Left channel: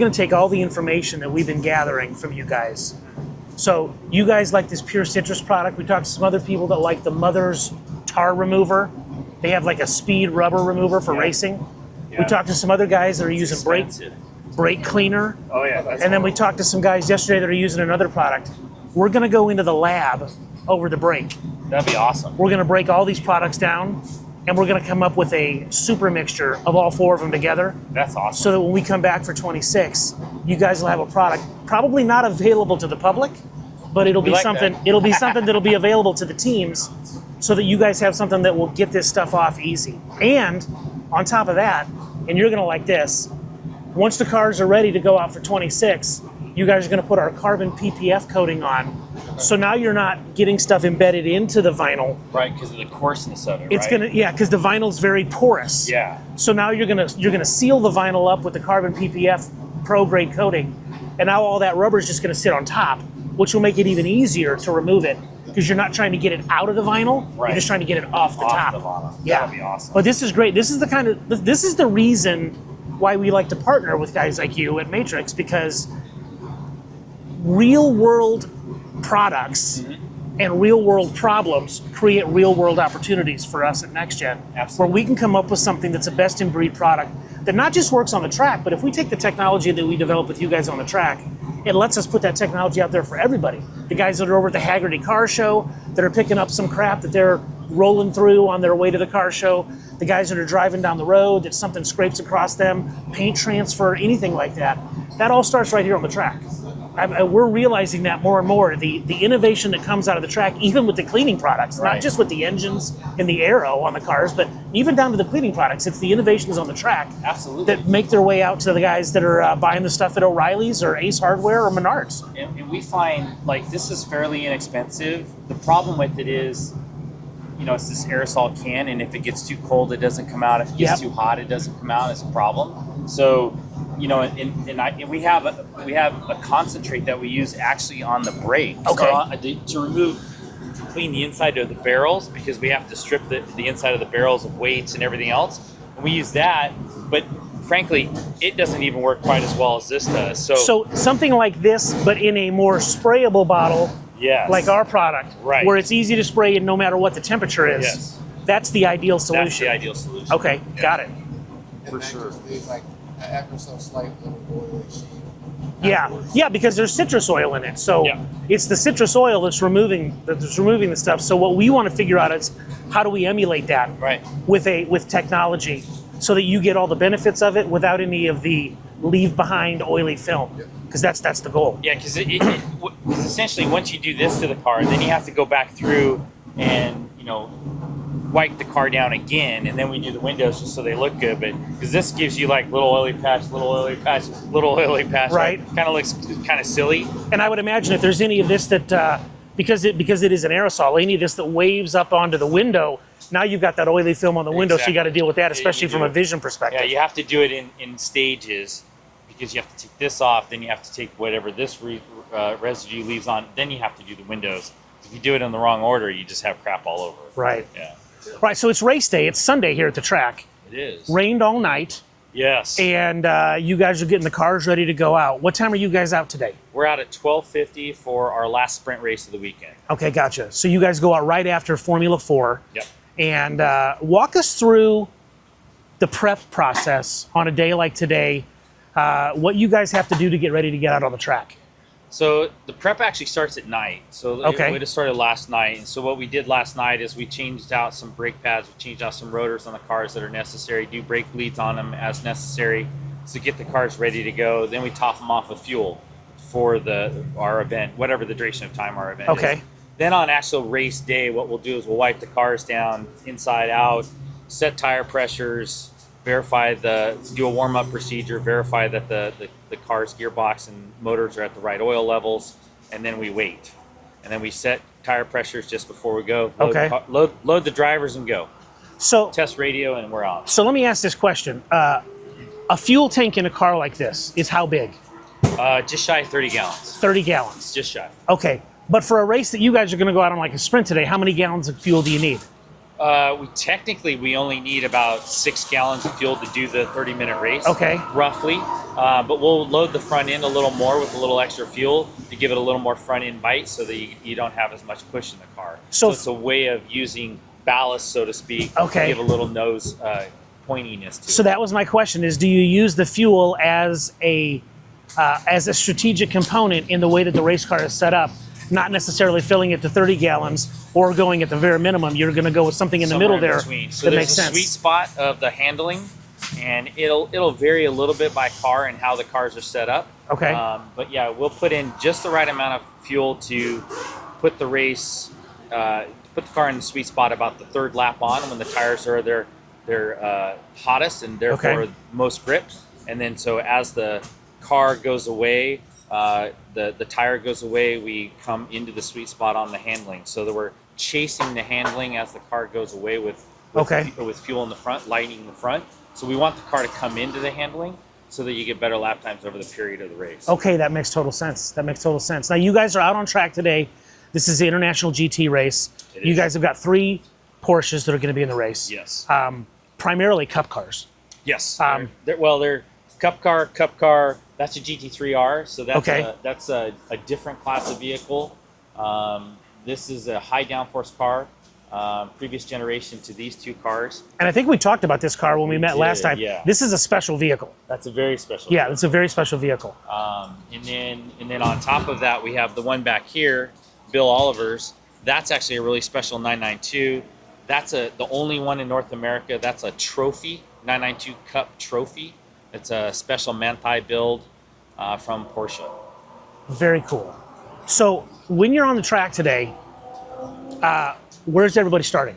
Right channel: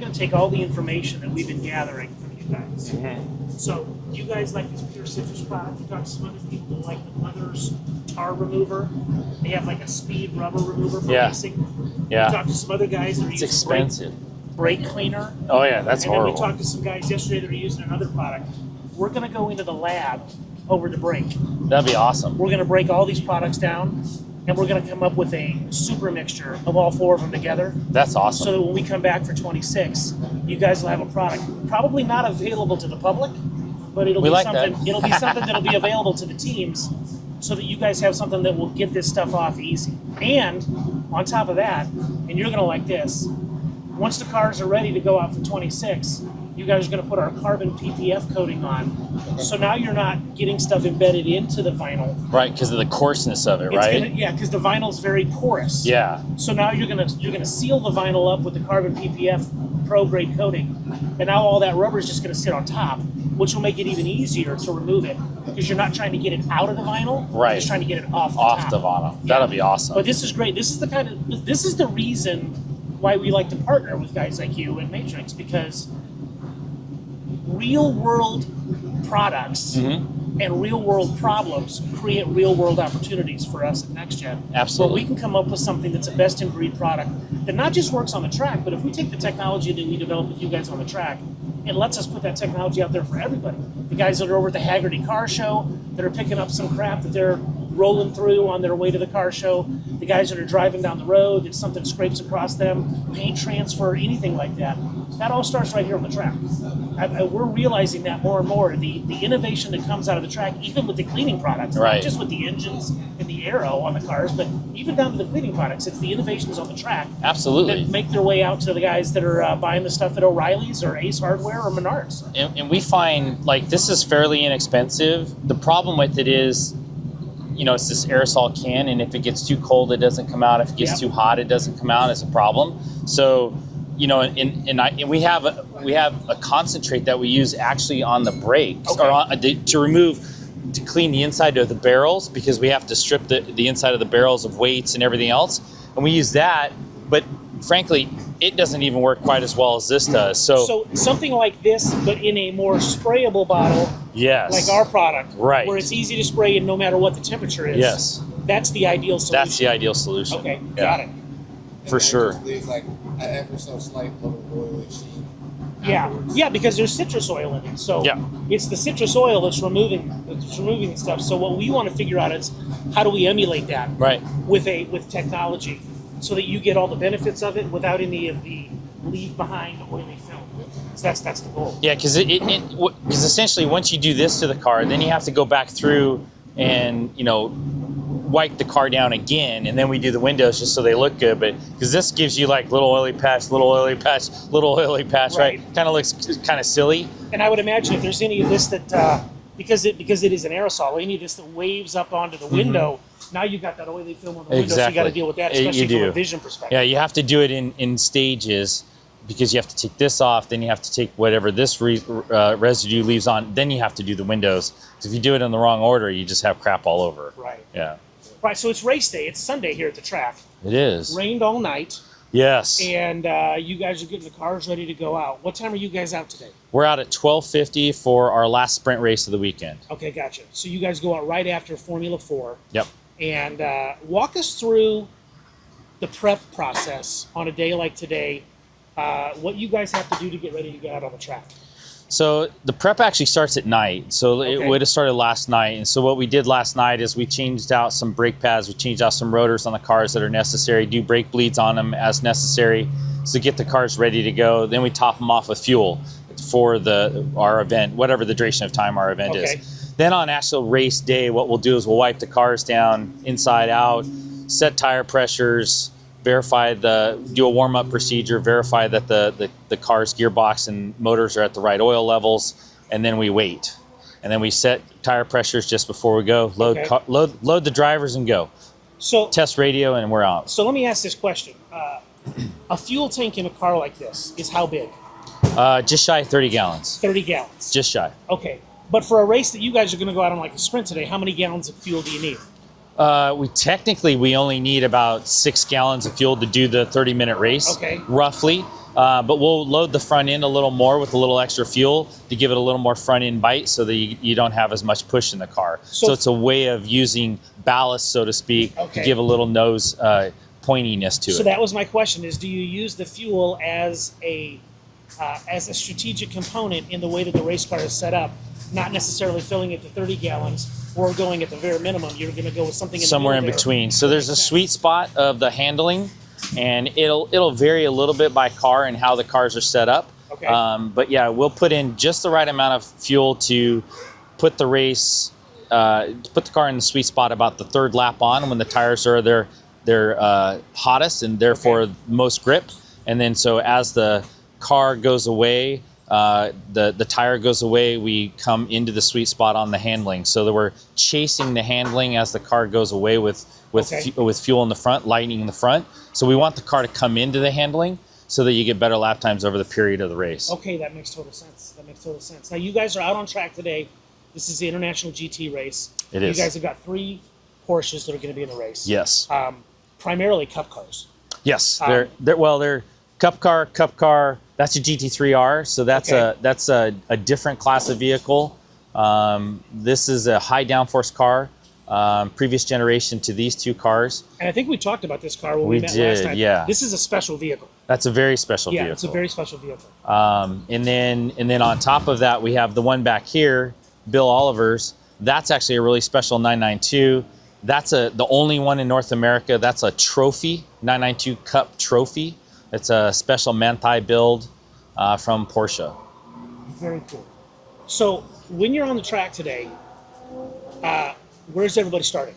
going to take all the information that we've been gathering from you guys. So you guys like this pure citrus product. We talked to some other people that like the Mother's tar remover. They have like a speed rubber remover for racing. We talked to some other guys that are using brake cleaner. Oh yeah, that's And horrible. then we talked to some guys yesterday that are using another product. We're going to go into the lab over the break. That'd be awesome. We're going to break all these products down, and we're going to come up with a super mixture of all 4 of them together. That's awesome. So that when we come back for 26, you guys will have a product probably not available to the public, but it'll be something. It'll be something that'll be available to the teams, so that you guys have something that will get this stuff off easy. And on top of that, and you're going to like this, once the cars are ready to go out for 26, you guys are going to put our carbon PPF coating on. So now you're not getting stuff embedded into the vinyl. Right, because of the coarseness of it, It's right? Yeah, because the vinyl's very porous. Yeah. So now you're gonna seal the vinyl up with the carbon PPF pro grade coating, and now all that rubber is just gonna sit on top, which will make it even easier to remove it because you're not trying to get it out of the vinyl. Right. You're just trying to get it off the top. Off the vinyl. Yeah. That'll be awesome. But this is great. This is the reason why we like to partner with guys like you at Matrix, because real world products and real world problems create real world opportunities for us at NextGen. Absolutely. Where we can come up with something that's a best in breed product that not just works on the track, but if we take the technology that we develop with you guys on the track, it lets us put that technology out there for everybody. The guys that are over at the Haggerty Car Show that are picking up some crap that they're rolling through on their way to the car show, the guys that are driving down the road, that something scrapes across them, paint transfer, anything like that. That all starts right here on the track. We're realizing that more and more. The innovation that comes out of the track, even with the cleaning products, not just with the engines and the aero on the cars, but even down to the cleaning products, it's the innovations on the track that make their way out to the guys that are buying the stuff at O'Reilly's or Ace Hardware or Menards. And we find, like, this is fairly inexpensive. The problem with it is, you know, it's this aerosol can, and if it gets too cold, it doesn't come out. If it gets too hot, it doesn't come out. It's a problem. So, you know, and we have a concentrate that we use actually on the brakes to clean the inside of the barrels, because we have to strip the inside of the barrels of weights and everything else, and we use that. But frankly, it doesn't even work quite as well as this does. So something like this, but in a more sprayable bottle, like our product, where it's easy to spray and no matter what the temperature is. That's the ideal solution. That's the ideal solution. Okay, got it. For sure. There's like ever so slight little oily sheet. Yeah, because there's citrus oil in it. So it's the citrus oil that's removing the stuff. So what we want to figure out is how do we emulate that with technology, so that you get all the benefits of it without any of the leave behind oily film, because that's the goal. Yeah, because essentially once you do this to the car, then you have to go back through and, you know, wipe the car down again, and then we do the windows just so they look good. But because this gives you like little oily patch, little oily patch, little oily patch, right? Kind of looks kind of silly. And I would imagine if there's any of this that because it is an aerosol, any of this that waves up onto the window, now you've got that oily film on the window, so you got to deal with that, especially from a vision perspective. Yeah, you have to do it in stages, because you have to take this off, then you have to take whatever this residue leaves on, then you have to do the windows. So if you do it in the wrong order, you just have crap all over. Right. Yeah. Right, so it's race day. It's Sunday here at the track. It is. Rained all night. Yes. And you guys are getting the cars ready to go out. What time are you guys out today? We're out at 12:50 for our last sprint race of the weekend. Okay, gotcha. So you guys go out right after Formula 4. Yep. And walk us through the prep process on a day like today, what you guys have to do to get ready to get out on the track. So the prep actually starts at night. So it would have started last night. And so what we did last night is we changed out some brake pads, we changed out some rotors on the cars that are necessary, do brake bleeds on them as necessary, so get the cars ready to go. Then we top them off with fuel for our event, whatever the duration of time our event is. Then on actual race day, what we'll do is we'll wipe the cars down inside out, set tire pressures, do a warm-up procedure, verify that the car's gearbox and motors are at the right oil levels, and then we wait. And then we set tire pressures just before we go, load the drivers and go. So test radio, and we're out. So let me ask this question. A fuel tank in a car like this is how big? Just shy of 30 gallons. 30 gallons? Just shy. Okay, but for a race that you guys are gonna go out on like a sprint today, how many gallons of fuel do you need? We only need about 6 gallons of fuel to do the 30-minute race. Okay. Roughly. But we'll load the front end a little more with a little extra fuel to give it a little more front end bite so that you don't have as much push in the car. So it's a way of using ballast, so to speak, to give a little nose pointiness to it. So that was my question: is do you use the fuel as a strategic component in the way that the race car is set up? Not necessarily filling it to 30 gallons or going at the very minimum. You're going to go with something in the middle there. Somewhere in between. So there's a sweet spot of the handling, and it'll vary a little bit by car and how the cars are set up. Okay. But yeah, we'll put in just the right amount of fuel to put the car in the sweet spot about the 3rd lap on, when the tires are their hottest and therefore most grip. And then so as the car goes away, the tire goes away, we come into the sweet spot on the handling, so that we're chasing the handling as the car goes away with fuel in the front, lightening in the front. So we want the car to come into the handling so that you get better lap times over the period of the race. Okay, that makes total sense. Now you guys are out on track today. This is the International GT race. It You is. guys have got 3 Porsches that are going to be in the race. Yes. Primarily Cup cars. Yes. They're Cup car. That's a GT3R, so that's a different class of vehicle. This is a high downforce car, previous generation to these 2 cars. And I think we talked about this car when we met last time. Yeah. This is a special vehicle. That's a very special vehicle. Yeah, it's a very special vehicle. And then on top of that, we have the one back here, Bill Oliver's. That's actually a really special 992. That's the only one in North America. That's a trophy, 992 Cup trophy. It's a special Manthey build from Porsche. Very cool. So when you're on the track today, where's everybody starting?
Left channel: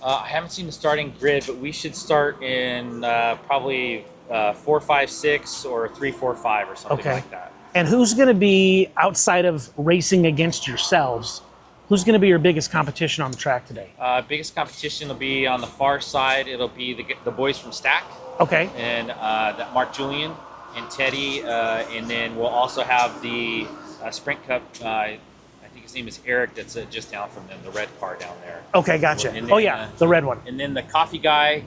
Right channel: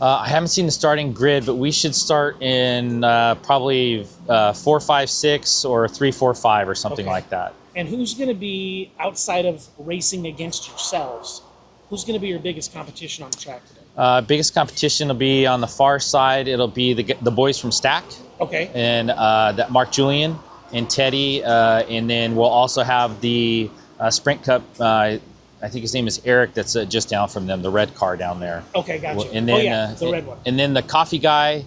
I haven't seen the starting grid, but we should start in probably 4, 5, 6 or 3, 4, 5 or something like that. And who's going to be, outside of racing against yourselves, who's going to be your biggest competition on the track today? Biggest competition will be on the far side. It'll be the boys from Stack. Okay. And that Mark Julian and Teddy. And then we'll also have the Sprint Cup. I think his name is Eric. That's just down from them, the red car down there. Okay, gotcha. And then, the red one. And then the coffee guy,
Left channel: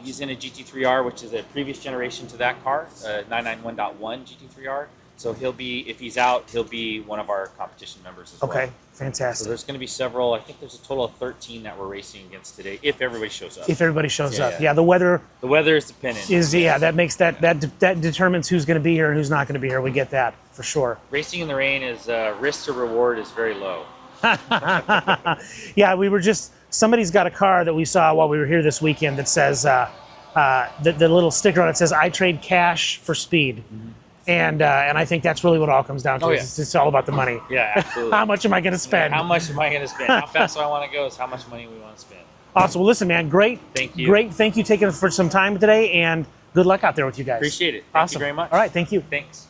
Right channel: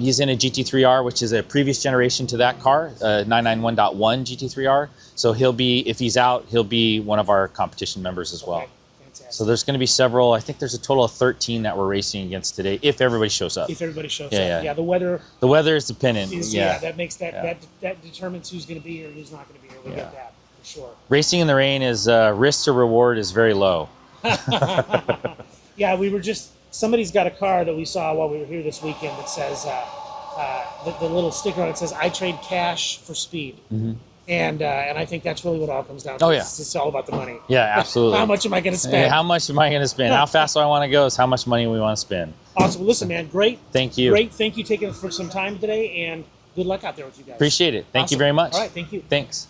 he's in a GT3R, which is a previous generation to that car, 991.1 GT3R. So he'll be, if he's out, he'll be one of our competition members as well. Okay, fantastic. So there's going to be several. I think there's a total of 13 that we're racing against today, if everybody shows up. If everybody shows Yeah, up. yeah. Yeah, the weather The weather is dependent. that makes that determines who's going to be here and who's not going to be here. We get that for sure. Racing in the rain is risk to reward is very low. Yeah, somebody's got a car that we saw while we were here this weekend that says, the little sticker on it says, "I trade cash for speed." Mm-hmm. And I think that's really what it all comes down to. Oh, yeah. It's all about the money. Yeah, absolutely. How much am I going to spend? How much am I going to spend? How fast do I want to go is how much money we want to spend. Awesome. Well, listen, man, great. Thank you. Great. Thank you taking for some time today, and good luck out there with you guys. Appreciate it. Thank you very much. All right, thank you. Thanks.